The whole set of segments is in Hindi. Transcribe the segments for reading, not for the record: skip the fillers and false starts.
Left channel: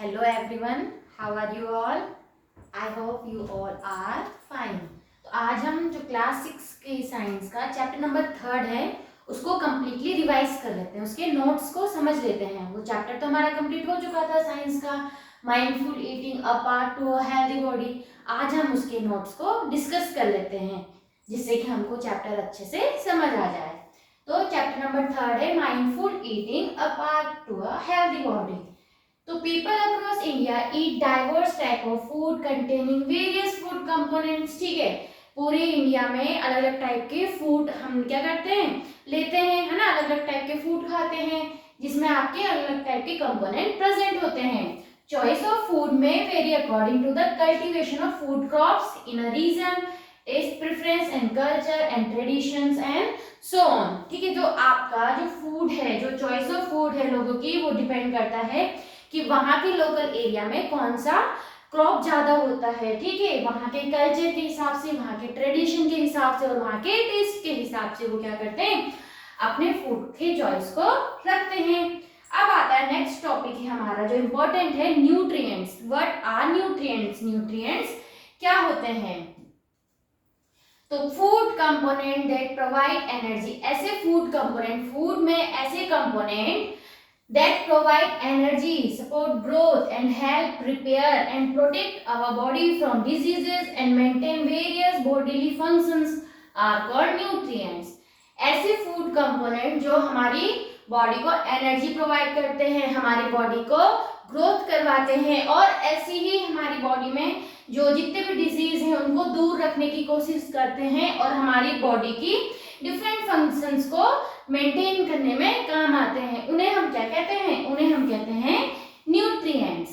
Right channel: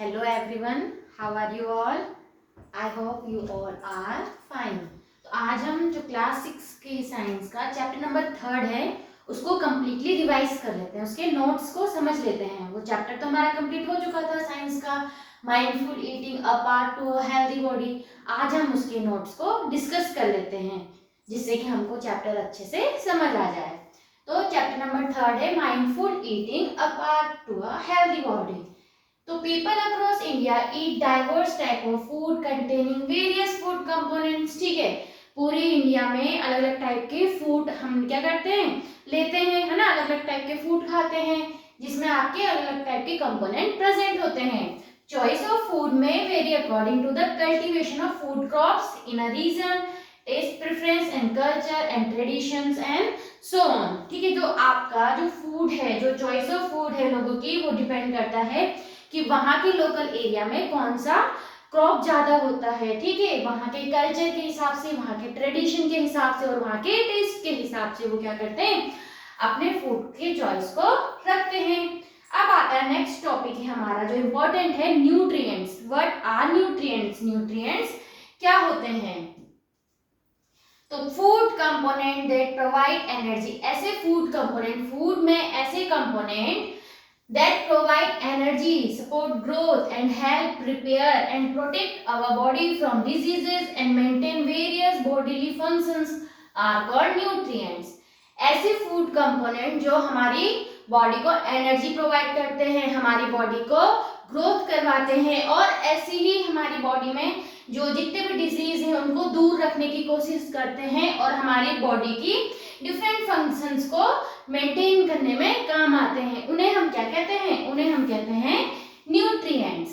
Hello everyone, how are you all? I hope you all are fine. तो आज हम जो क्लास 6 के साइंस का चैप्टर नंबर 3 है उसको कम्प्लीटली रिवाइज कर लेते हैं, उसके नोट्स को समझ लेते हैं। वो चैप्टर तो हमारा कंप्लीट हो चुका था साइंस का, mindful eating a part to a healthy body. आज हम उसके नोट्स को डिस्कस कर लेते हैं जिससे कि हमको चैप्टर अच्छे से समझ आ जाए। तो चैप्टर नंबर 3 है mindful eating a part to a healthy body. तो people across India eat diverse type of food containing various food components. ठीक है, पूरे इंडिया में अलग अलग टाइप के फूड हम क्या करते हैं, लेते हैं, है ना। अलग अलग टाइप के फूड खाते हैं जिसमें आपके अलग अलग टाइप के कंपोनेंट प्रेजेंट होते हैं। चॉइस ऑफ फूड में vary according to the cultivation of food crops in a region, taste preference and culture and traditions and so on. ठीक है, जो आपका जो फूड है, जो चॉइस ऑफ फूड है लोगों की, वो डिपेंड करता है कि वहाँ के लोकल एरिया में कौन सा क्रॉप ज्यादा होता है। ठीक है, वहाँ के कल्चर के हिसाब से, वहाँ के ट्रेडिशन के हिसाब से और वहाँ के टेस्ट के हिसाब से वो क्या करते हैं, अपने फूड के चॉइस को रखते हैं। अब आता है नेक्स्ट टॉपिक है हमारा जो इम्पोर्टेंट है, nutrients. What are nutrients? Nutrients क्या होते हैं? तो food component that provide energy. ऐसे फूड कंपोनेंट, फूड में ऐसे component that provide energy, support growth and help repair and protect our body from diseases and maintain various bodily functions are called nutrients. ऐसे फूड कंपोनेंट जो हमारी बॉडी को एनर्जी प्रोवाइड करते हैं, हमारी बॉडी को ग्रोथ करवाते हैं और ऐसी ही हमारी बॉडी में जो जितने भी डिजीज हैं उनको दूर रखने की कोशिश करते हैं और हमारी बॉडी की डिफरेंट फंक्शंस को मेंटेन करने में काम आते हैं। उन्हें हम क्या कहते हैं? उन्हें हम कहते हैं nutrients.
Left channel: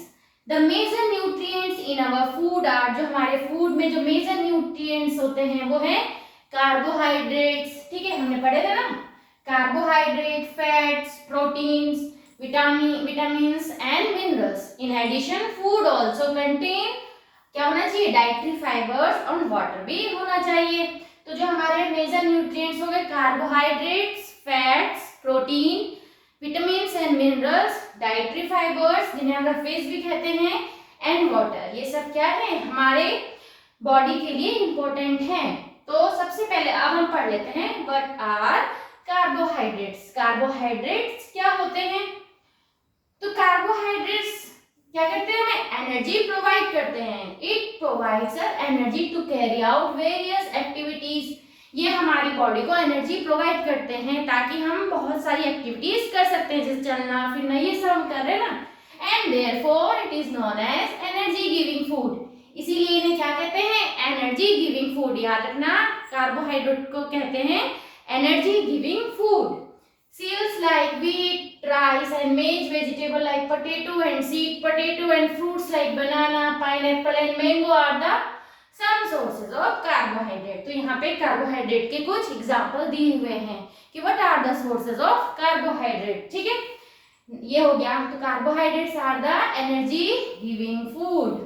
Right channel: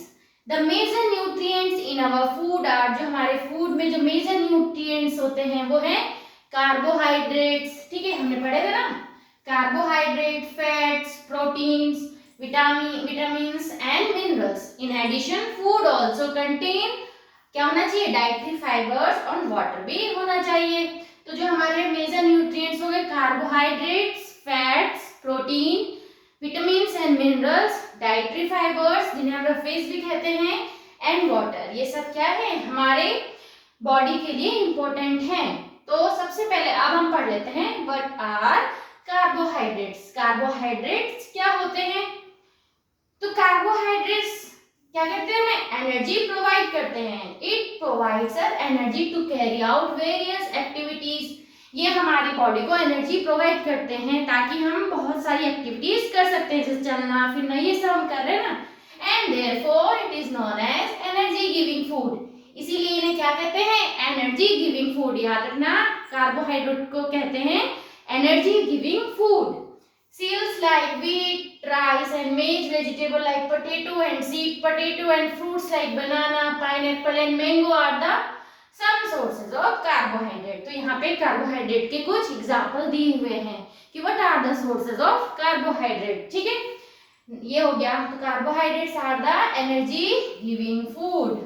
The major nutrients in our food are, जो हमारे फूड में जो मेजर न्यूट्रिएंट्स होते हैं वो है कार्बोहाइड्रेट्स। ठीक है, हमने पढ़े थे ना, carbohydrate, fats, proteins, vitamins and minerals. In addition food also contain क्या होना चाहिए, डाइटरी फाइबर्स और वाटर भी होना चाहिए। तो जो हमारे मेजर न्यूट्रिएंट्स हो गए carbohydrates, fats, protein, vitamins and minerals, dietary fibres जिन्हें हम फिश भी कहते हैं, एंड वाटर। ये सब क्या है, हमारे बॉडी के लिए इंपॉर्टेंट है। तो सबसे पहले अब हम पढ़ लेते हैं व्हाट आर कार्बोहाइड्रेट्स। कार्बोहाइड्रेट्स क्या होते हैं? तो कार्बोहाइड्रेट्स क्या करते हैं, हमें एनर्जी प्रोवाइड करते हैं। It provides energy to carry out various activities. ये हमारी बॉडी को एनर्जी प्रोवाइड करते हैं ताकि हम बहुत सारी एक्टिविटीज कर सकते हैं, जैसे चलना फिरना, ये सब हम कर रहे हैं ना। And therefore it is known as energy giving food. इसीलिए इन्हें क्या कहते हैं, एनर्जी गिविंग फूड। याद रखना, कार्बोहाइड्रेट को कहते हैं energy giving food. Cereals like wheat, rice and maize, vegetable like potato and sweet potato and fruits like banana, pineapple and mango are the some sources of carbohydrate. तो यहाँ पे कार्बोहाइड्रेट के कुछ एग्जाम्पल दिए हुए हैं कि what are the sources of carbohydrate. ठीक है, ये हो गया। तो carbohydrates are the energy giving food.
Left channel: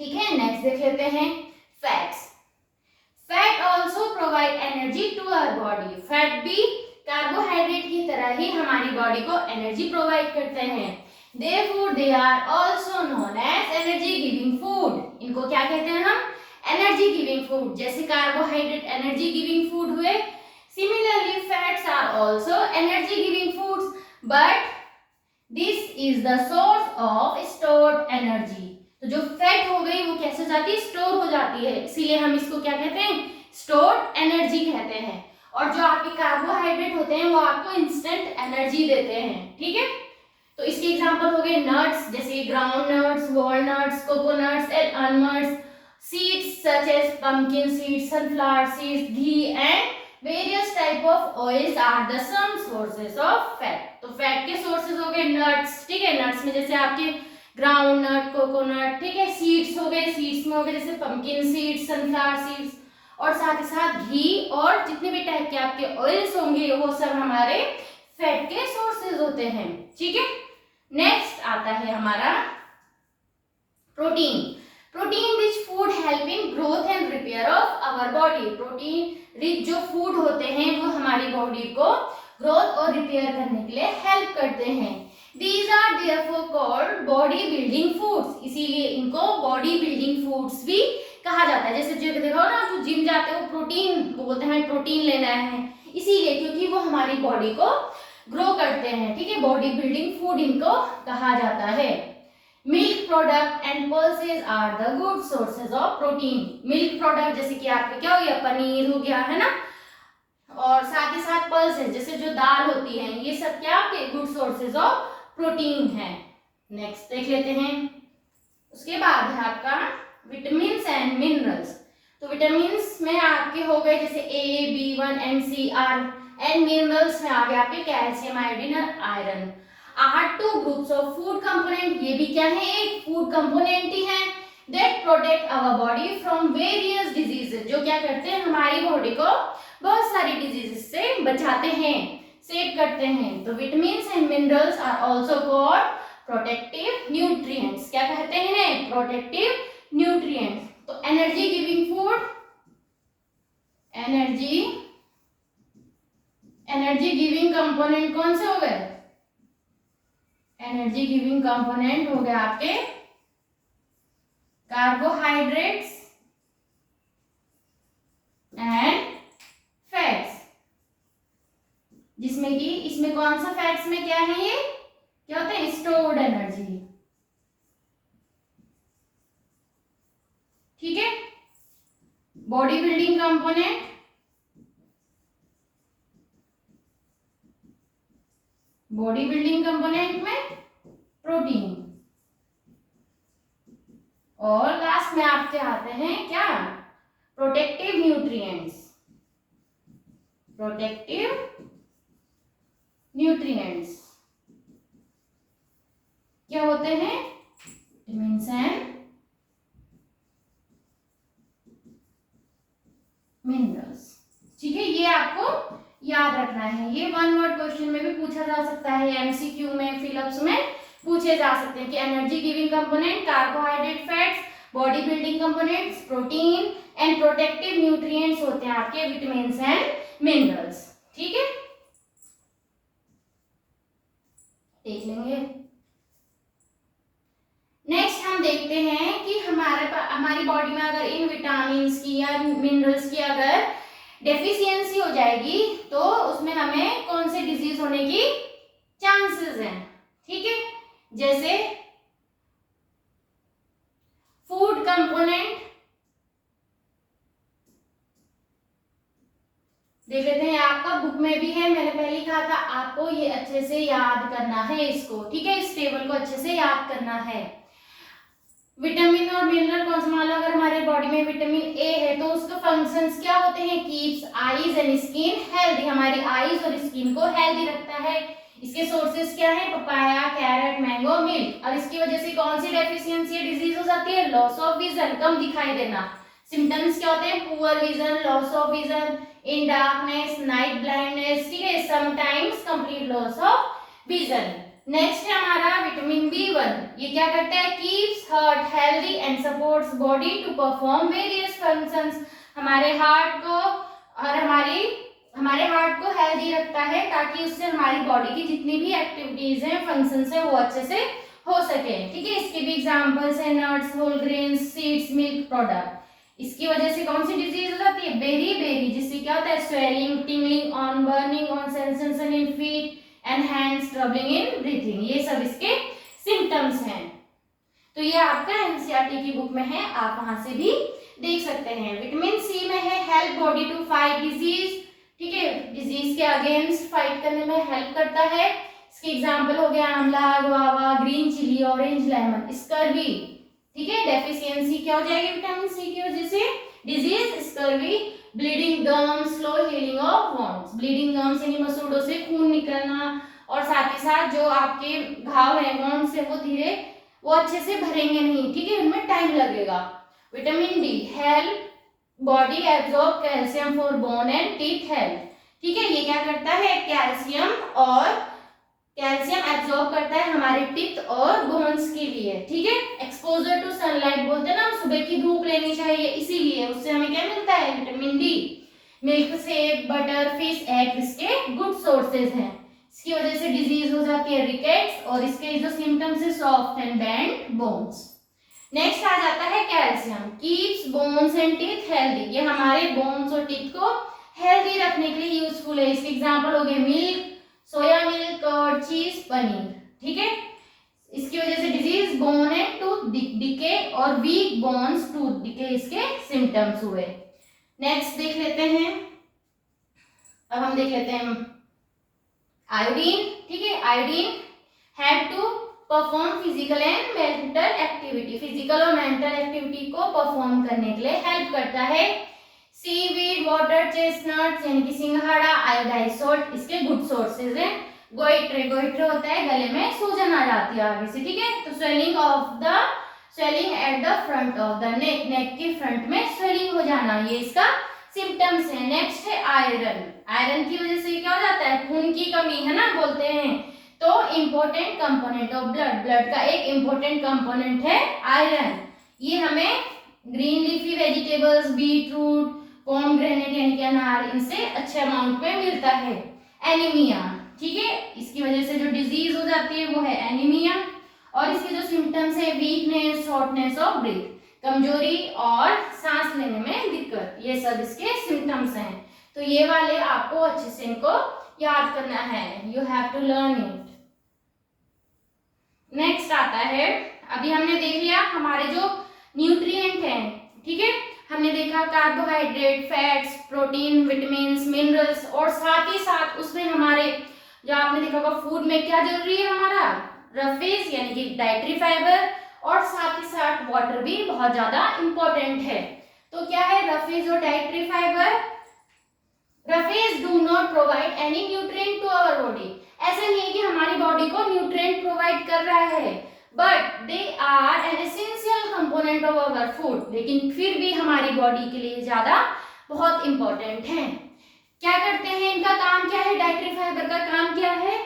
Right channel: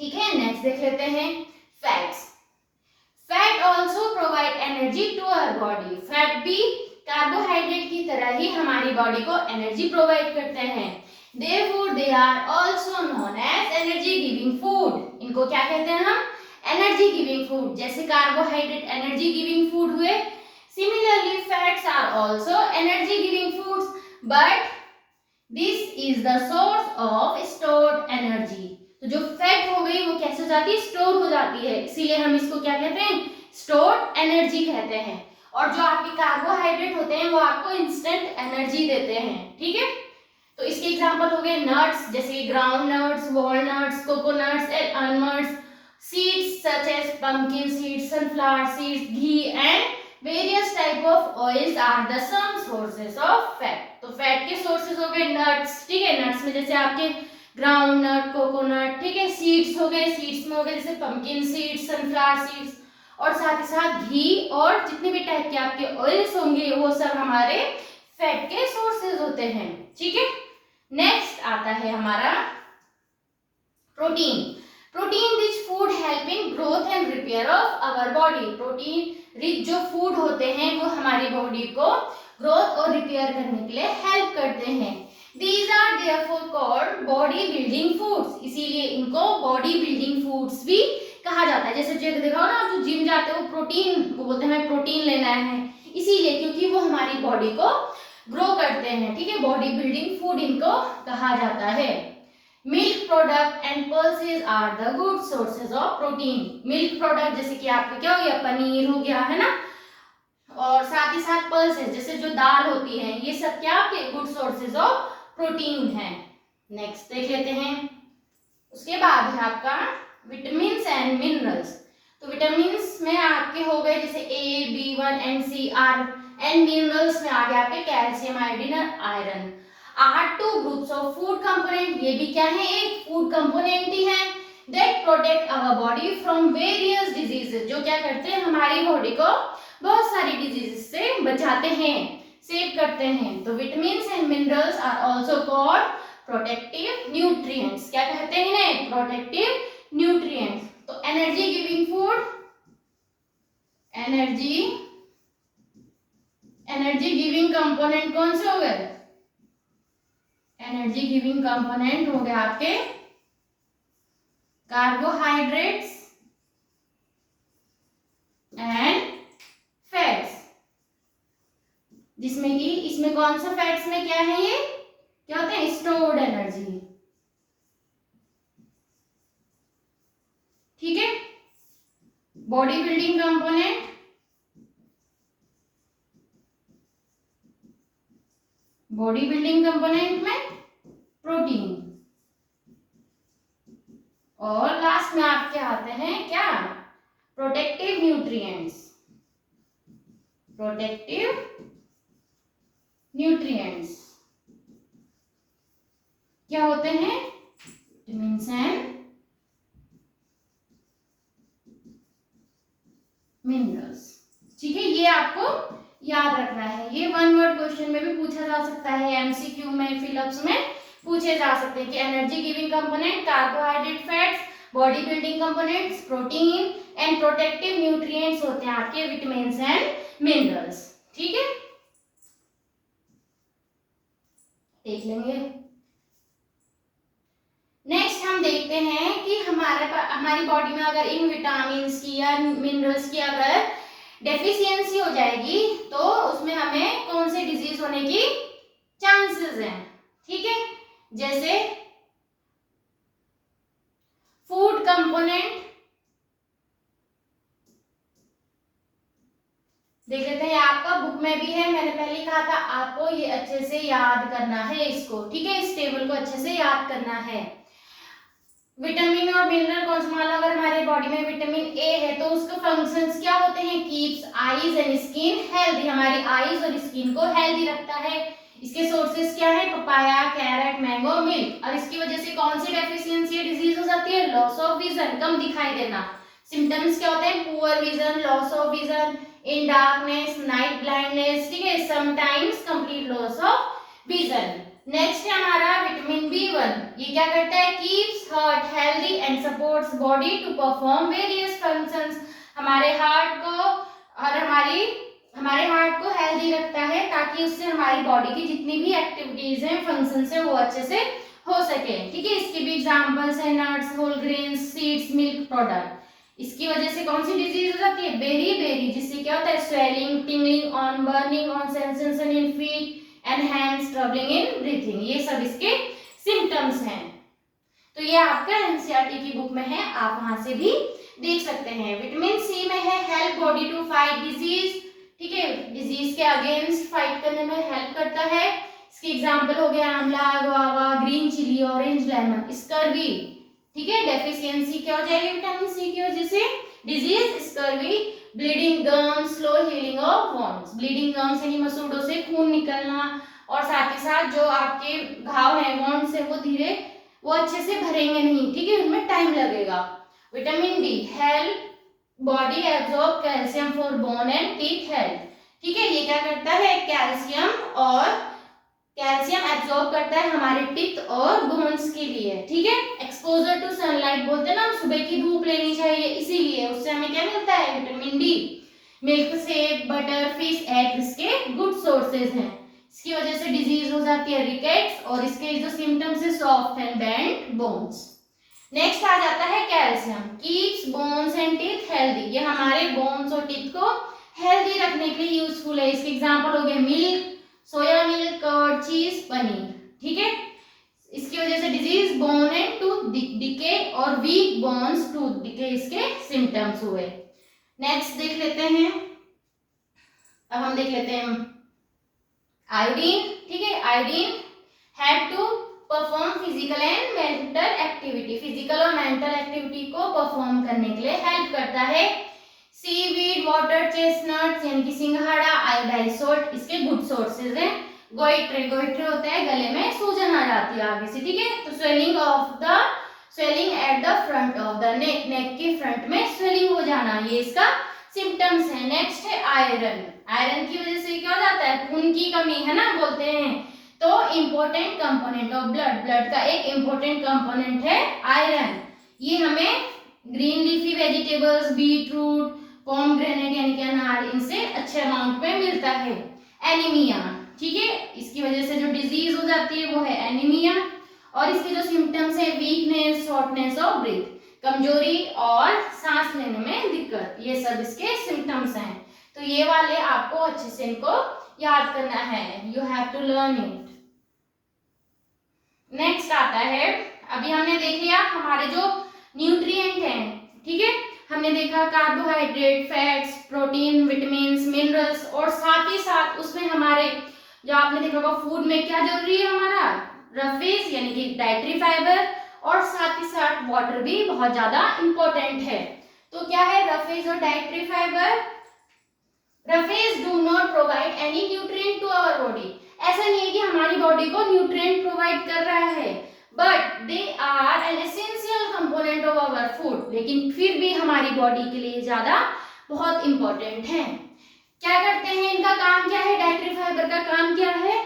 ठीक है, नेक्स्ट देख लेते हैं fats. Fat also provide energy to our body. Fat भी कार्बोहाइड्रेट की तरह ही हमारी बॉडी को एनर्जी प्रोवाइड करते हैं। Therefore, they are also known as energy giving food. इनको क्या कहते हैं हम, एनर्जी गिविंग फूड। जैसे कार्बोहाइड्रेट एनर्जी गिविंग फूड हुए, similarly fats are also energy giving foods, but this is the source of stored energy. तो जो फैट हो गई वो कैसे हो जाती है, स्टोर हो जाती है, इसीलिए हम इसको क्या कहते हैं, स्टोर्ड एनर्जी कहते हैं। और जो आपके कार्बोहाइड्रेट होते हैं वो आपको इंस्टेंट एनर्जी देते हैं। ठीक है, तो इसके एग्जांपल हो गए नट्स, जैसे ground nuts, walnuts, coconuts and almonds, seeds such as pumpkin seeds, sunflower seeds, ghee and various type of oils are the some sources of fat. तो फैट के सोर्सेज हो गए नट्स। ठीक है, नट्स में जैसे आपके ग्राउंड नट, कोकोनट। ठीक है, सीड्स हो गए, सीड्स में हो गए जैसे पंपकिन सीड्स, सनफ्लावर सीड्स, और साथ ही साथ घी और जितने भी टाइप के आपके ऑयल्स होंगे वो सब हमारे फैट के सोर्सेज होते हैं। ठीक है, नेक्स्ट आता है हमारा protein. Protein rich food help in growth and repair of our body. Protein rich जो फूड होते हैं वो हमारी बॉडी को ग्रोथ और रिपेयर करने के लिए हेल्प करते हैं। These are therefore called body building foods. इसीलिए इनको body building foods भी कहा जाता है। जैसे जो देखो ना, जो जिम जाते हैं वो प्रोटीन, वो बोलते हैं हमें प्रोटीन लेना है, इसीलिए क्योंकि वो हमारी बॉडी को ग्रो करते हैं, ठीक है। बॉडी बिल्डिंग फूड इनको कहा जाता है। Milk product and pulses are the good sources of protein. Milk product जैसे कि आपका क्या हो गया, पनीर हो गया, है ना, और साथ ही साथ पल्सेस जैसे जो दाल होती है, ये सब क्या के गुड सोर्सेज ऑफ प्रोटीन है। नेक्स्ट देख लेते हैं। उसके बाद है आपका विटामिन्स एंड मिनरल्स। तो विटामिन्स में आपके हो गए जैसे A, B1 and C, R, and minerals में आ गए आपके कैल्शियम, आयोडीन और iron. Are two groups of food component, ये भी क्या है, एक फूड कंपोनेंट ही है, that protect our body from various diseases, जो क्या करते हैं हमारी बॉडी को बहुत सारी डिजीजेस से बचाते हैं, सेव करते हैं। तो vitamins and minerals are also called protective nutrients. क्या कहते हैं इन्हें, प्रोटेक्टिव न्यूट्रिएंट्स। तो energy giving food, energy giving component कौन से हो गए, एनर्जी गिविंग कंपोनेंट हो गए आपके कार्बोहाइड्रेट्स एंड फैट्स, जिसमें कि इसमें कौन सा फैट्स में क्या है, ये क्या होते हैं, स्टोर्ड एनर्जी, ठीक है। Body building component, body building component में प्रोटीन, और लास्ट में आपके आते हैं क्या, प्रोटेक्टिव न्यूट्रिएंट्स, प्रोटेक्टिव न्यूट्रिएंट्स क्या होते हैं, विटामिन्स एंड मिनरल्स, ठीक है। ये आपको याद रखना है, ये वन वर्ड क्वेश्चन में भी पूछा जा सकता है, एमसीक्यू में, फिलअप्स में पूछे जा सकते हैं कि energy giving component carbohydrate, fats, body building components, protein and protective nutrients होते हैं आपके विटामिन्स एंड मिनरल्स, ठीक है। देख लेंगे। नेक्स्ट हम देखते हैं कि हमारी बॉडी में अगर इन विटामिन्स की या मिनरल्स की अगर डेफिशिएंसी हो जाएगी तो उसमें हमें कौन से डिजीज होने की चांसेस हैं, ठीक है। जैसे फूड कंपोनेंट देख लेते हैं, आपका बुक में भी है, मैंने पहले कहा था आपको ये अच्छे से याद करना है इसको, ठीक है। इस टेबल को अच्छे से याद करना है। विटामिन और मिनरल कौन सा, मान लो अगर हमारे बॉडी में विटामिन ए है तो उसके फंक्शंस क्या होते हैं, keeps eyes and skin healthy, हमारी आईज और स्किन को हेल्दी रखता है। इसके सोर्सेज क्या है, पपाया, कैरेट, मैंगो, मिल्क। और इसकी वजह से कौन सी डेफिशिएंसी डिजीज हो जाती है, लॉस ऑफ विजन, कम दिखाई देना। सिम्टम्स क्या होते हैं, poor vision, loss of vision, in darkness, night blindness, ठीक है, sometimes complete loss of vision. Next है हमारा विटामिन B1, ये क्या करता है, keeps heart healthy and supports body to perform various functions, हमारे हार्ट को और हमारे हार्ट को हेल्दी रखता है ताकि उससे हमारी बॉडी की जितनी भी एक्टिविटीज हैं, फंक्शंस हैं, वो अच्छे से हो सके, ठीक है। इसके भी एग्जांपल्स हैं nuts, whole grains, seeds, milk product. इसकी वजह से कौन सी डिजीज हो जाती है, बेरी, जिससे क्या होता है, swelling, tingling on, burning on, sensation in feet and hands, troubling in breathing, ये सब इसके सिम्टम्स हैं। तो ये आपका एनसीईआरटी की बुक में है, आप वहां से भी देख सकते हैं। विटामिन सी में है help body to fight disease, ठीक है, डिजीज के अगेंस्ट फाइट करने में हेल्प करता है। इसके एग्जांपल हो गया amla, guava, green chilli, orange lemon, scurvy, ठीक है। डेफिशिएंसी क्या हो जाएगी विटामिन सी की वजह से, disease scurvy, bleeding gums, slow healing of wands, bleeding gums यानी मसूड़ों से खून निकलना, और साथ ही साथ जो आपके घाव है वॉन्ड्स है वो अच्छे से भरेंगे नहीं, ठीक है, उनमें टाइम लगेगा। Vitamin D help body absorb calcium for bone and teeth health, ठीक है, ये क्या करता है, कैल्शियम एब्जॉर्ब करता है हमारे टीथ और बोन्स के लिए, ठीक है। एक्सपोजर टू सनलाइट बोलते हैं ना, सुबह की धूप लेनी चाहिए, इसीलिए उससे हमें क्या मिलता है, विटामिन डी। मिल्क से, बटर, फिश, एग इसके गुड सोर्सेज हैं। इसकी वजह से डिजीज हो जाती है रिकेट्स, और इसके जो सिम्टम्स है soft and bent bones. Next आ जाता है calcium, keeps bones and teeth healthy, ये हमारे बोन्स और टीथ को हेल्दी रखने के लिए यूजफुल है। इसके एग्जांपल हो गए मिल्क, सोया मिल्क, कर्ड, चीज, पनीर। ठीक है, इसकी वजह से disease bone and tooth decay और वीक बोन्स टूथ डिके इसके सिम्टम्स हुए। नेक्स्ट देख लेते हैं, अब हम देख लेते हैं आयोडीन। ठीक है, iodine had to perform physical and mental activity, physical और मेंटल एक्टिविटी को परफॉर्म करने के लिए हेल्प करता है। सीवीड, वाटर, चेस्टनट्स यानी कि सिंघाड़ा, आयोडाइज सॉल्ट इसके गुड सोर्सेज हैं। गोइट्रे, गोइट्रे होता है गले में सूजन आ जाती है आगे से। ठीक है, तो swelling at the front of the neck, neck के फ्रंट में स्वेलिंग हो जाना, ये इसका सिम्टम्स है। नेक्स्ट है आयरन, आयरन की वजह से क्या हो जाता है, खून की कमी है ना बोलते हैं, तो important component of blood, blood का एक इंपॉर्टेंट कंपोनेंट है आयरन। ये हमें green leafy vegetables, beetroot, pomegranate यानी कि अनार, इनसे अच्छे अमाउंट में मिलता है। एनीमिया, ठीक है, इसकी वजह से जो डिजीज हो जाती है वो है एनीमिया, और इसके जो सिम्टम्स है वीकनेस, शॉर्टनेस ऑफ ब्रीथ, कमजोरी और सांस लेने में दिक्कत, ये सब इसके सिम्टम्स हैं। तो ये वाले आपको अच्छे से इनको याद करना है, you have to learn it. Next आता है, अभी हमने देख लिया हमारे जो न्यूट्रिएंट हैं। ठीक है, हमने देखा carbohydrate, fats, protein, vitamins, minerals, और साथ ही साथ उसमें हमारे जो आपने देखा होगा फूड में क्या जरूरी है, हमारा रफेज यानी कि डाइटरी फाइबर, और साथ ही साथ वाटर भी बहुत ज्यादा इंपॉर्टेंट है। तो क्या है रफेज और dietary fibre? Roughage do not provide any nutrient to our body, ऐसा नहीं है कि हमारी बॉडी को न्यूट्रिएंट प्रोवाइड कर रहा है, but they are an essential component of our food, लेकिन फिर भी हमारी बॉडी के लिए ज्यादा बहुत इंपॉर्टेंट है। क्या करते हैं, इनका काम क्या है, डाइटरी फाइबर का काम क्या है,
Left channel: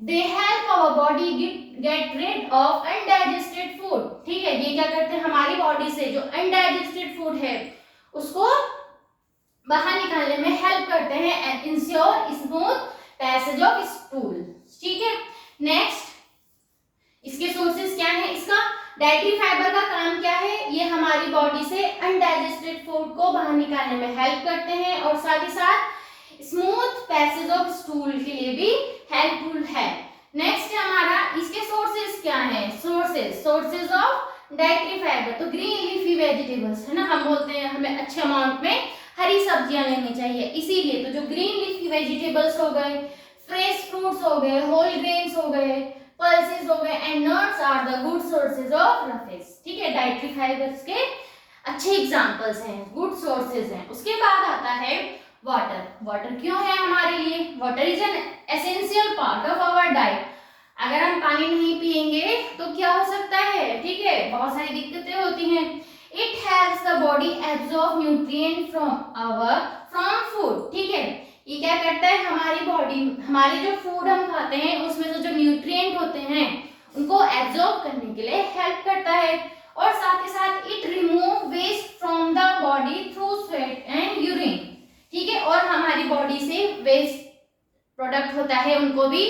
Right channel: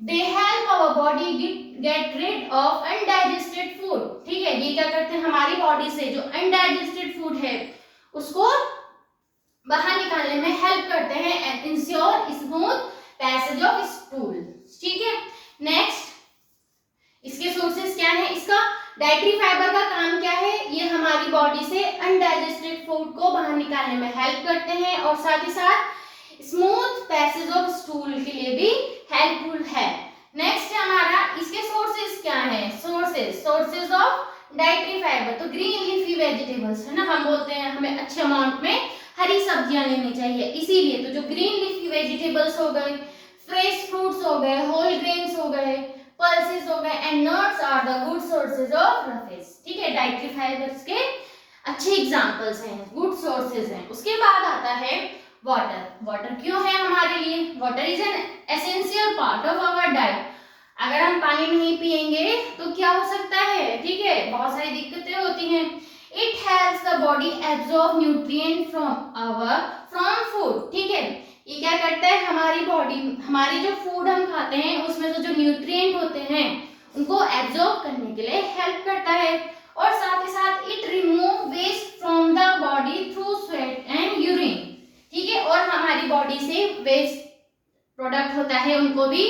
they help our body get rid of undigested food. ठीक है, ये क्या करते हैं, हमारी बॉडी से जो अनडाइजेस्टेड फूड है उसको बाहर निकालने में हेल्प करते हैं and ensure smooth passage of stool. ठीक है, नेक्स्ट इसके सोर्सेस क्या है, इसका डाइटरी फाइबर का काम क्या है, ये हमारी बॉडी से अनडाइजेस्टेड फूड को बाहर निकालने में हेल्प करते हैं, और साथ ही साथ स्मूथ पैसेज ऑफ स्टूल के लिए भी हेल्पफुल है। नेक्स्ट हमारा इसके सोर्सेज क्या है, सोर्सेज ऑफ डाइटरी फाइबर, तो ग्रीन लीफी वेजिटेबल्स है ना, हम बोलते हैं हमें अच्छे अमाउंट में हरी सब्जियां लेनी चाहिए, इसीलिए तो जो ग्रीन लीफी वेजिटेबल्स हो गए, फ्रेश फ्रूट्स हो गए, होल ग्रेन्स हो गए, पल्सेस हो गए and nuts are the good sources of roughage. ठीक है, डाइटरी फाइबर्स के अच्छे एग्जांपल्स हैं, गुड सोर्सेज हैं। उसके बाद आता है वाटर। वाटर क्यों है हमारे लिए, water is an essential part of our diet. अगर हम पानी नहीं पिएंगे तो क्या हो सकता है, ठीक है, बहुत सारी दिक्कतें होती हैं। It helps the body absorb nutrient from food. ठीक है, ये क्या करता है, हमारी बॉडी, हमारे जो फूड हम खाते हैं उसमें जो न्यूट्रिएंट होते हैं उनको एब्जॉर्ब करने के लिए हेल्प करता है, और साथ ही साथ it remove waste from the body through sweat and urine. ठीक है, और हमारी बॉडी से वेस्ट प्रोडक्ट होता है उनको भी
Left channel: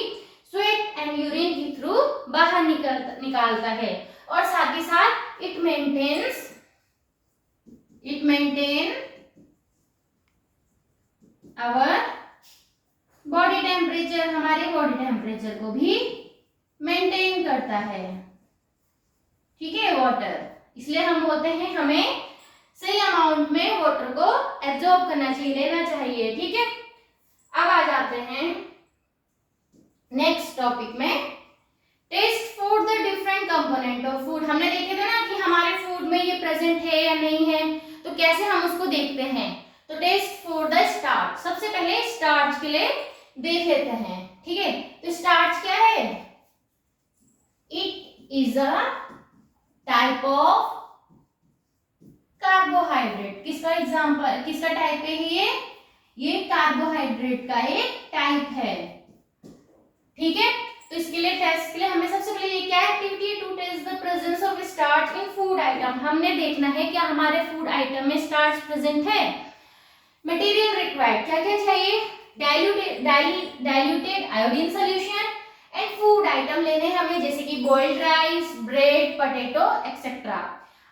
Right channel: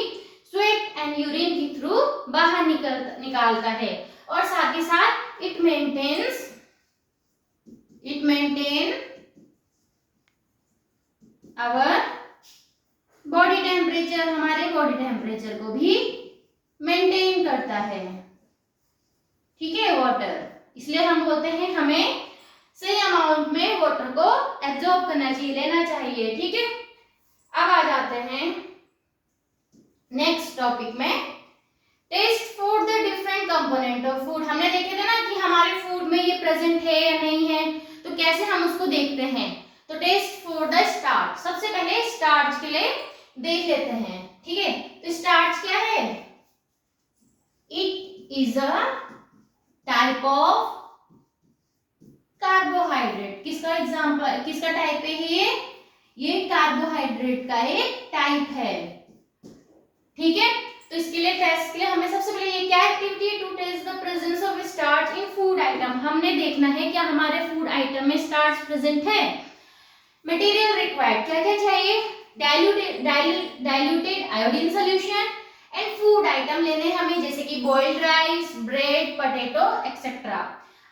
स्वेट एंड यूरिन के थ्रू बाहर निकालता है, और साथ ही साथ it maintain our body temperature, हमारे बॉडी टेम्परेचर को भी मेंटेन करता है। ठीक है, वाटर, इसलिए हम बोलते हैं हमें सही अमाउंट में वाटर को एब्जॉर्ब करना चाहिए, लेना चाहिए। ठीक है, अब आ जाते हैं नेक्स्ट टॉपिक में, taste food the different component of food. हमने देखे थे ना कि हमारे फूड में ये प्रेजेंट है या नहीं है, तो कैसे हम उसको देखते हैं, तो टेस्ट फॉर द स्टार्च, सबसे पहले स्टार्च के लिए देख लेते हैं। ठीक है, तो स्टार्च क्या है, it is a type of carbohydrate. किसका एग्जांपल, किसका टाइप है ये कार्बोहाइड्रेट का एक टाइप है। ठीक है, तो इसके लिए टेस्ट के लिए हमें सबसे पहले ये क्या activity, to test the presence of starch in food item. हमने देखना है क्या हमारे फूड आइटम में स्टार्च प्रेजेंट है। मटेरियल रिक्वायर्ड, क्या क्या चाहिए, diluted iodine solution and food item लेने हमें जैसे कि boiled rice, bread, potato etcetera.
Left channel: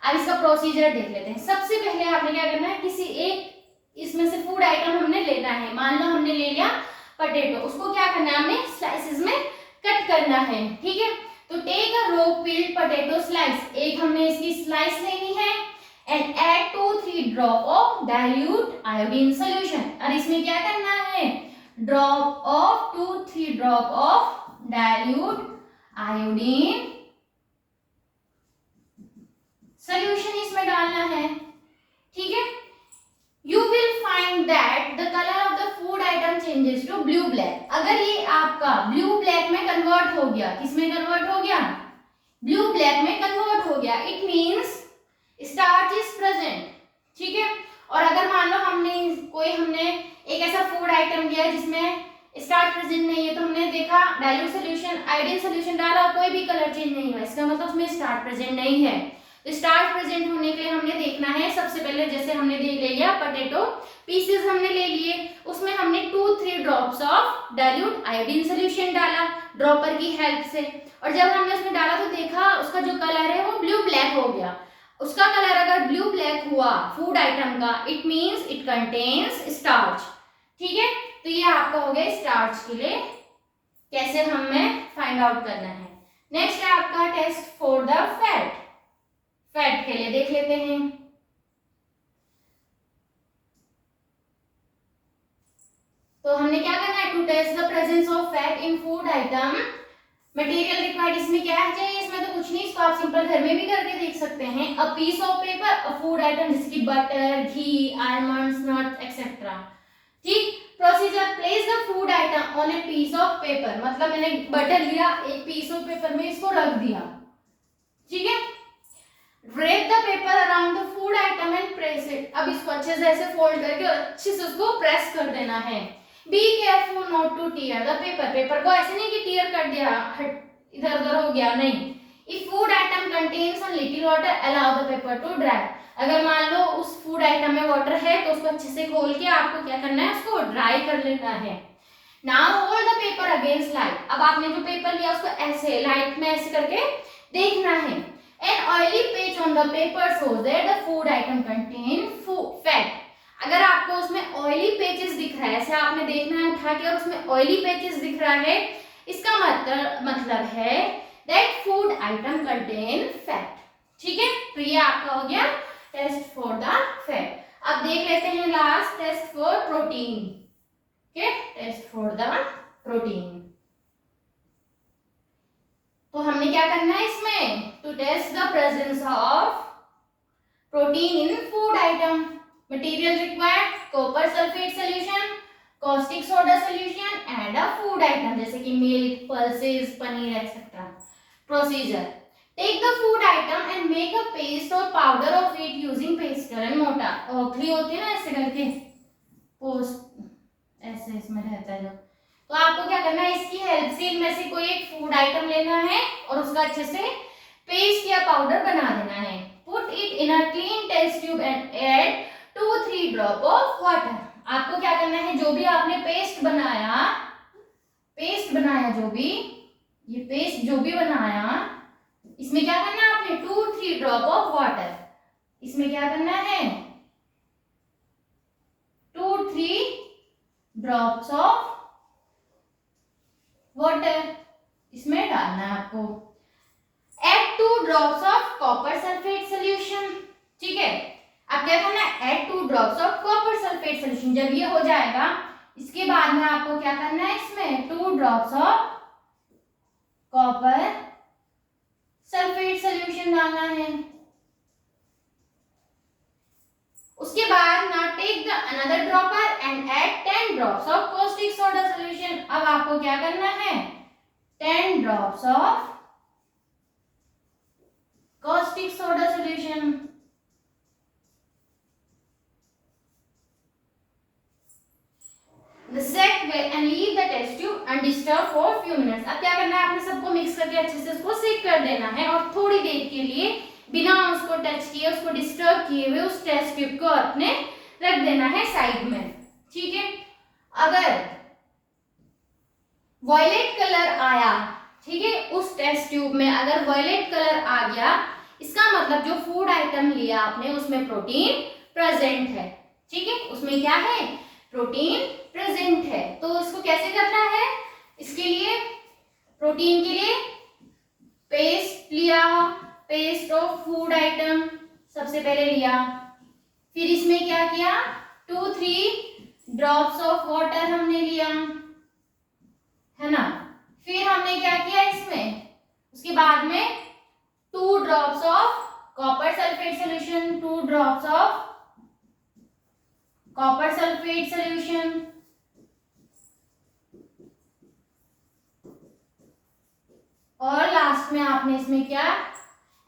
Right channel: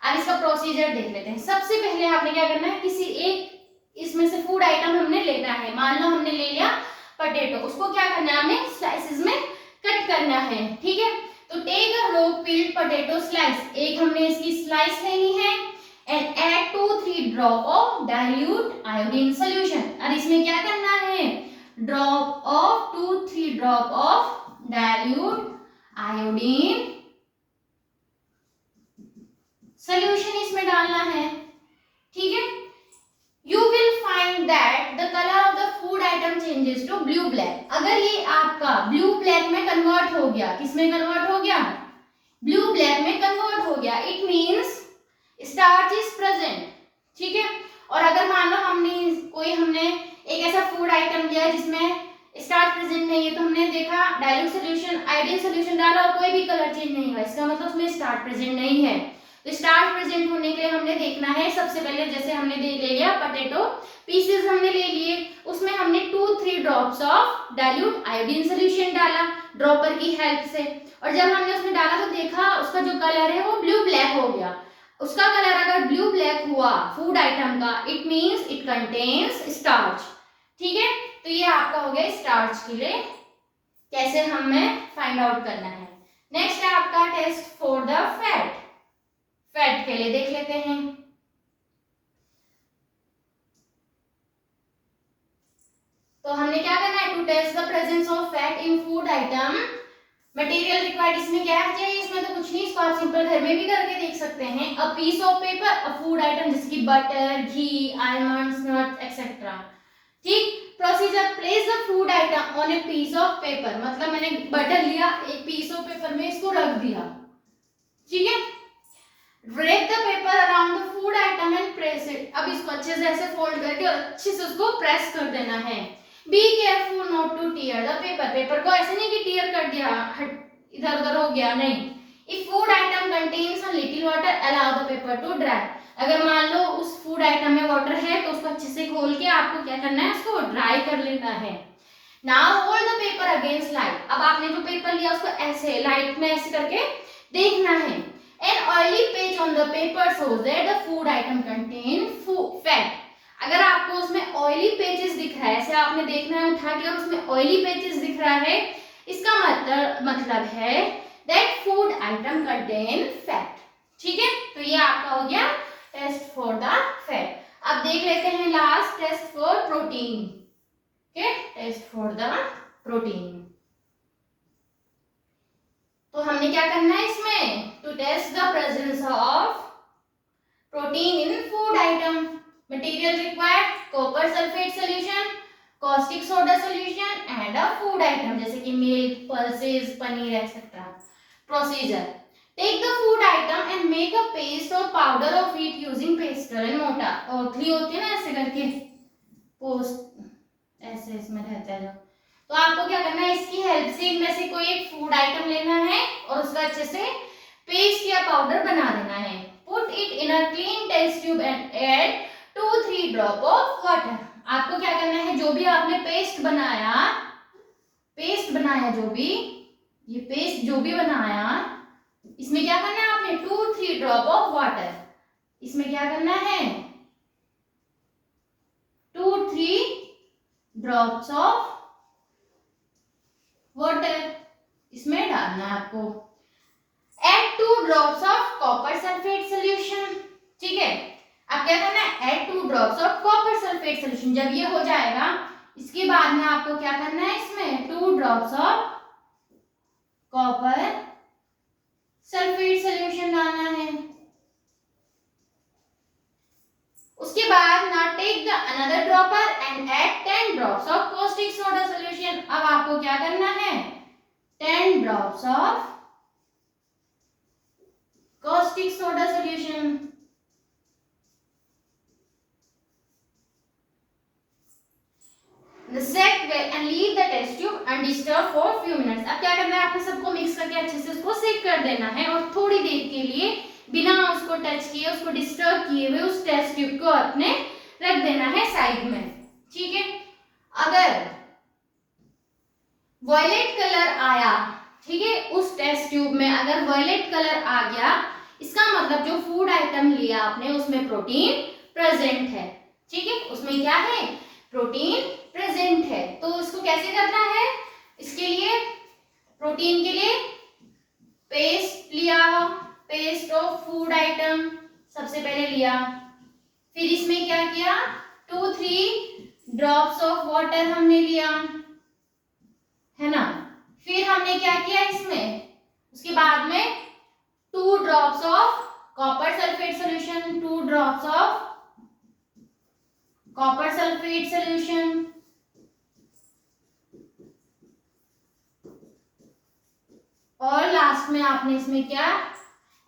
अब इसका प्रोसीजर देख लेते हैं। सबसे पहले आपने क्या करना है, किसी एक इसमें से फूड आइटम हमने लेना है। मान लो हमने ले लिया पोटैटो, उसको क्या करना है, हमने स्लाइसेस में कट करना है, ठीक है। तो take a raw peeled potato slice, एक हमने इसकी स्लाइस लेनी है and add 2-3 drop of dilute iodine solution. और इसमें क्या करना है, drop of 2-3 drop of dilute iodine solution इसमें डालना है, ठीक है। You will find that the color of the food item changes to blue black। अगर ये आपका blue black में कन्वर्ट हो गया, किसमें कन्वर्ट हो गया, blue black में कन्वर्ट हो गया, it means starch is present, ठीक है। और अगर मान लो हमने एक ऐसा फूड आइटम लिया जिसमें स्टार्च प्रेजेंट नहीं है, तो हमने देखा डाइल्यूट सोल्यूशन, आयोडीन सोल्यूशन डाला और कोई भी कलर चेंज नहीं हुआ, इसका मतलब उसमें स्टार्च प्रेजेंट नहीं है। तो स्टार्च प्रेजेंट होने के लिए हमने देखना है, सबसे पहले जैसे हमने ले लिया पोटैटो पीसेस हमने ले लिए, उसमें हमने 2-3 drops of dilute iodine solution डाला ड्रॉपर की हेल्प से, और जब हमने उसमें डाला तो देखा उसका जो कलर है वो ब्लू ब्लैक हो गया। उसका कलर अगर ब्लू ब्लैक हुआ फूड आइटम का, it means it contains starch, ठीक है। तो ये आपका हो गया स्टार्च के लिए कैसे हमें फाइंड आउट करना है। नेक्स्ट है आपका test for the fat. Fat के लिए देख लेते हैं। तो हमने क्या करना है, to test the presence of fat in food item, material required इसमें क्या चाहिए, इसमें तो कुछ नहीं, इसको आप सिंपल घर में भी करके देख सकते हैं। A piece of paper, a food item जैसे कि butter, ghee, almonds, nuts etcetera, ठीक। Procedure, place the food item on a piece of paper, मतलब मैंने बटर लिया, एक पीस ऑफ पेपर में इसको रख दिया, ठीक है। Wrap the paper around the food item and press it। अब इसको अच्छे से ऐसे फोल्ड करके और अच्छे से उसको प्रेस कर देना है। Be careful not to tear the paper। Paper को ऐसे नहीं कि टीयर कर दिया, इधर उधर हो गया, नहीं। If food item contains a little water, allow the paper to dry। अगर मान लो उस फूड आइटम में वाटर है तो उसको अच्छे से खोल के आपको क्या करना है, उसको ड्राई कर लेना है। Now hold the paper against light। अब आपने जो पेपर लिया उसको ऐसे लाइट में ऐसे करके देखना है। An oily patch on the paper shows that the food item contain fat। अगर आपको उसमें ऑयली पेचेस दिख रहा है, ऐसे आपने देखना है उठा के और उसमें ऑयली पेचेस दिख रहा है, इसका मतलब है that food item contain fat, ठीक है। तो ये आपका हो गया टेस्ट फॉर द फैट। अब देख लेते हैं last test for protein, okay, test for the protein. तो हमने क्या करना है इसमें, to test the presence of protein in food item, material required copper sulphate solution, caustic soda solution and a food item जैसे कि milk, pulses, paneer etcetera. Procedure, take the food item and make a paste और powder of it using pestle and mortar. औखली होती है ना ऐसे करके, पोस्ट ऐसे इसमें रहता है जो, तो आपको क्या करना है, इसकी हेल्प से इनमें से कोई एक फूड आइटम लेना है और उसका अच्छे से पेस्ट या पाउडर बना देना है। Put it in a clean test tube and add 2-3 drop of water. आपको क्या करना है, जो भी आपने पेस्ट बनाया जो भी ये पेस्ट जो भी बनाया, इसमें क्या करना है आपने 2-3 ड्रॉप ऑफ वाटर, इसमें क्या करना है 2-3 ड्रॉप्स ऑफ वाटर इसमें डालना है आपको। Add 2 drops of copper sulphate solution, ठीक है। अब क्या करना है, add 2 drops of copper sulphate solution. जब ये हो जाएगा इसके बाद में आपको क्या करना है, इसमें 2 drops of copper sulphate solution डालना है। उसके बाद ना take the another dropper and add 10 drops of caustic soda solution. अब आपको क्या करना है, 10 drops of caustic soda solution. Set well and leave the test tube undisturbed for few minutes। अब क्या करना है, आपने सबको मिक्स करके अच्छे से उसको सेक कर देना है और थोड़ी देर के लिए बिना उसको टच किए, उसको डिस्टर्ब किए हुए उस टेस्ट ट्यूब को अपने रख देना है साइड में, ठीक है। अगर वॉयलेट कलर आया, ठीक है, उस टेस्ट ट्यूब में अगर वॉयलेट कलर आ गया, इसका मतलब जो फूड आइटम लिया आपने उसमें प्रोटीन प्रेजेंट है, ठीक है, उसमें क्या है, प्रोटीन प्रेजेंट है। तो इसको कैसे करना है, इसके लिए प्रोटीन के लिए पेस्ट लिया, पेस्ट ऑफ फूड आइटम सबसे पहले लिया, फिर इसमें क्या किया, 2-3 ड्रॉप्स ऑफ वाटर हमने लिया, है ना, फिर हमने क्या किया इसमें, उसके बाद में 2 drops of copper sulphate solution, 2 drops of copper sulphate solution, और लास्ट में आपने इसमें क्या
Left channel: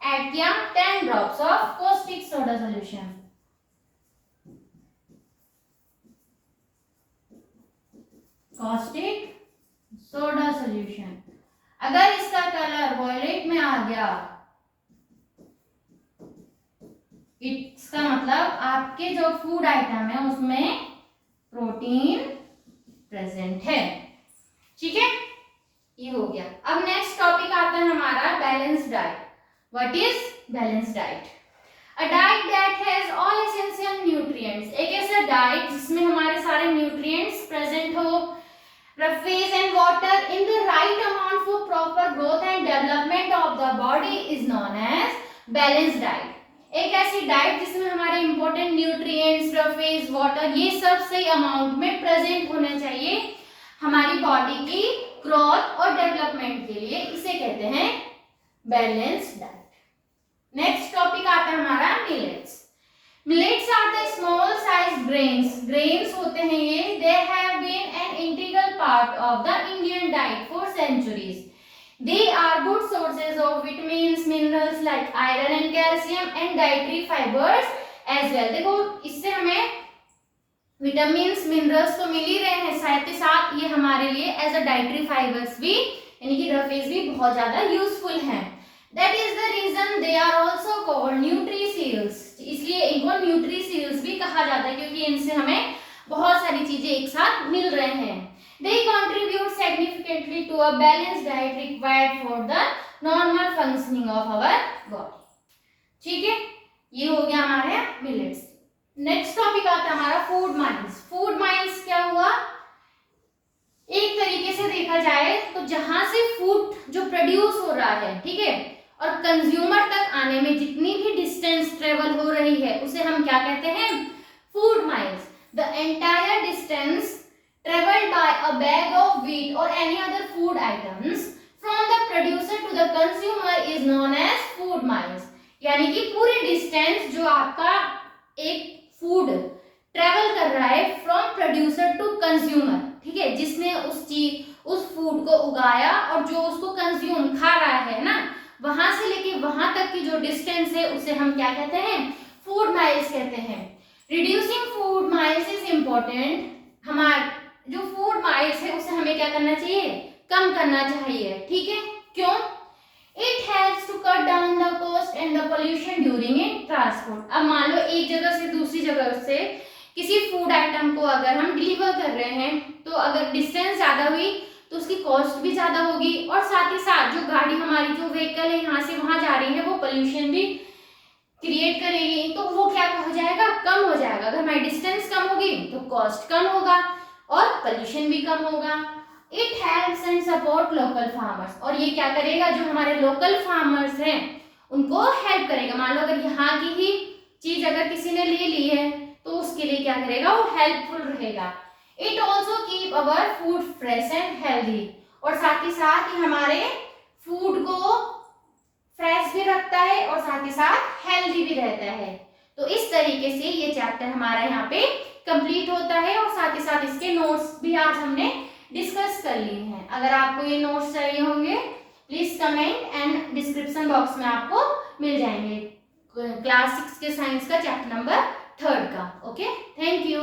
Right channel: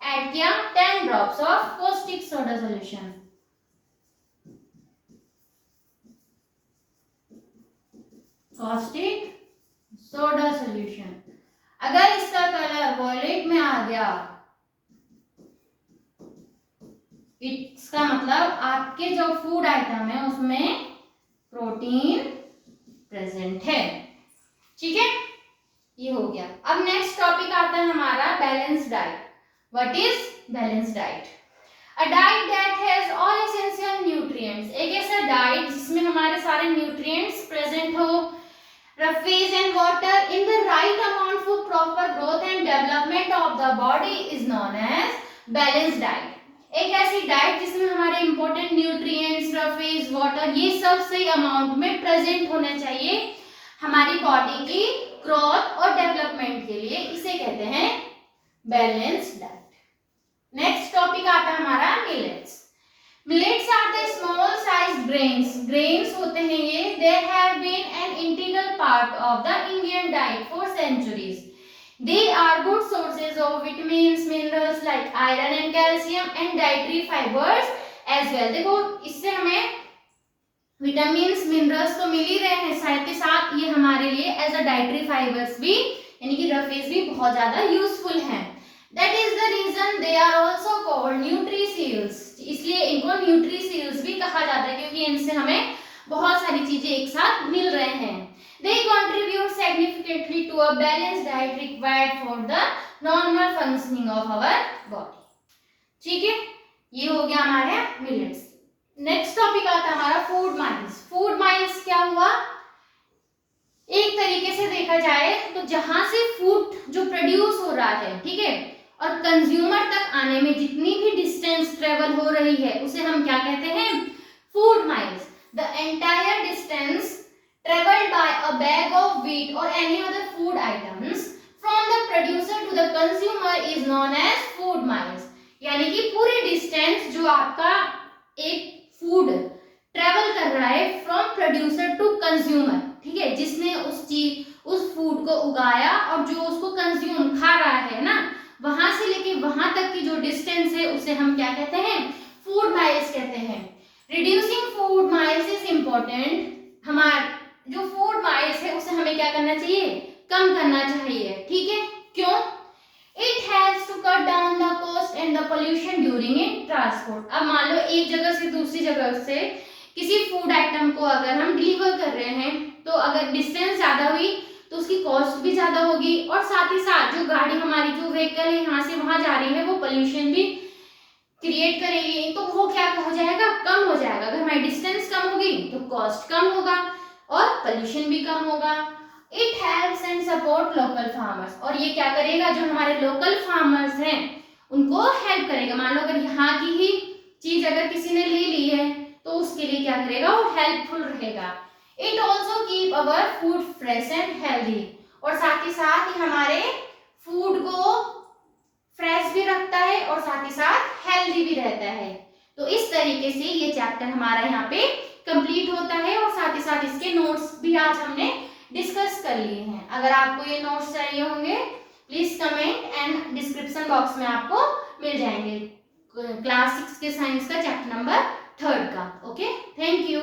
ऐड किया, 10 drops of caustic soda solution. Caustic soda solution, अगर इसका कलर वॉयलेट में आ गया, इसका मतलब आपके जो फूड आइटम है उसमें प्रोटीन प्रेजेंट है, ठीक है, ये हो गया। अब नेक्स्ट टॉपिक आता है हमारा balance diet. What is balance diet? A diet that has all essential nutrients, एक ऐसा डाइट जिसमें हमारे सारे न्यूट्रिएंट्स प्रेजेंट हो, roughage and water in the right amount for proper growth and development of the body is known as balance diet. एक ऐसी डाइट जिसमें हमारे इंपॉर्टेंट न्यूट्रिएंट्स, रफेज, वाटर ये सब सही अमाउंट में प्रेजेंट होना चाहिए हमारी बॉडी की ग्रोथ और डेवलपमेंट के लिए, इसे कहते हैं बैलेंस्ड डाइट। नेक्स्ट टॉपिक आता है हमारा millets. Millets are the small size grains, grains होते हैं ये, they have been an integral part of the Indian diet for centuries. They are good sources of vitamins, minerals like iron and calcium and dietary fibers as well। देखो इससे हमें विटामिन्स, मिनरल्स तो मिल ही रहे हैं, साथ ही साथ ये हमारे लिए एज अ डाइटरी फाइबर्स भी यानी कि रफेज भी बहुत ज्यादा यूजफुल हैं। That is the reason they are also called nutraceuticals, इसलिए इनको न्यूट्रीसील्स भी कहा जाता है क्योंकि इनसे हमें बहुत सारी चीजें एक साथ मिल रहे हैं। They contribute significantly to a balanced diet required for the normal functioning of our body। ठीक है, ये हो गया हमारे मिलेट्स। नेक्स्ट टॉपिक आता है हमारा फूड माइल्स। फूड माइल्स क्या हुआ, एक तरीके से देखा जाए तो जहां से फूड जो प्रोड्यूस हो रहा है, ठीक है, और कंज्यूमर तक आने में जितनी भी डिस्टेंस ट्रेवल हो रही है उसे हम क्या कहते हैं, food miles. The entire distance traveled by a bag of wheat or any other food items from the producer to the consumer is known as food miles। यानी कि पूरी डिस्टेंस जो आपका एक फूड ट्रेवल कर रहा है फ्रॉम प्रोड्यूसर टू कंज्यूमर, ठीक है, जिसने उस फूड को उगाया और जो उसको कंज्यूम खा रहा है ना, वहां से लेके वहां तक की जो डिस्टेंस है उसे हम क्या कहते हैं, फूड माइल्स कहते हैं। Reducing food miles is important, हमारे जो फूड माइल्स है उसे हमें क्या करना चाहिए, कम करना चाहिए, ठीक है, क्यों, it has to cut down the cost and the pollution during in transport. अब मान लो एक जगह से दूसरी जगह से किसी फूड आइटम को अगर हम डिलीवर कर रहे हैं तो अगर डिस्टेंस ज्यादा हुई तो उसकी कॉस्ट भी ज्यादा होगी, और साथ ही साथ जो गाड़ी हमारी जो व्हीकल है यहाँ से वहां जा रही है वो पोल्यूशन भी क्रिएट करेगी, तो वो क्या हो जाएगा, कम हो जाएगा। अगर हमारी डिस्टेंस कम होगी तो कॉस्ट कम होगा और पोल्यूशन भी कम होगा। It helps and support local farmers, और ये क्या करेगा, जो हमारे लोकल फार्मर्स हैं उनको हेल्प करेगा। मान लो अगर यहाँ की ही चीज अगर किसी ने ले ली है तो उसके लिए क्या करेगा, वो हेल्पफुल रहेगा। It also keep our food fresh and healthy, और साथ ही साथ ही हमारे फूड को फ्रेश भी रखता है और साथ ही साथ हेल्दी भी रहता है। तो इस तरीके से ये चैप्टर हमारा यहाँ पे कंप्लीट होता है, और साथ ही साथ इसके नोट्स भी आज हमने डिस्कस कर लिए हैं। अगर आपको ये नोट्स चाहिए होंगे please comment, and description box में आपको मिल जाएंगे क्लास 6 के साइंस का चैप्टर नंबर 3 का। Okay, thank you.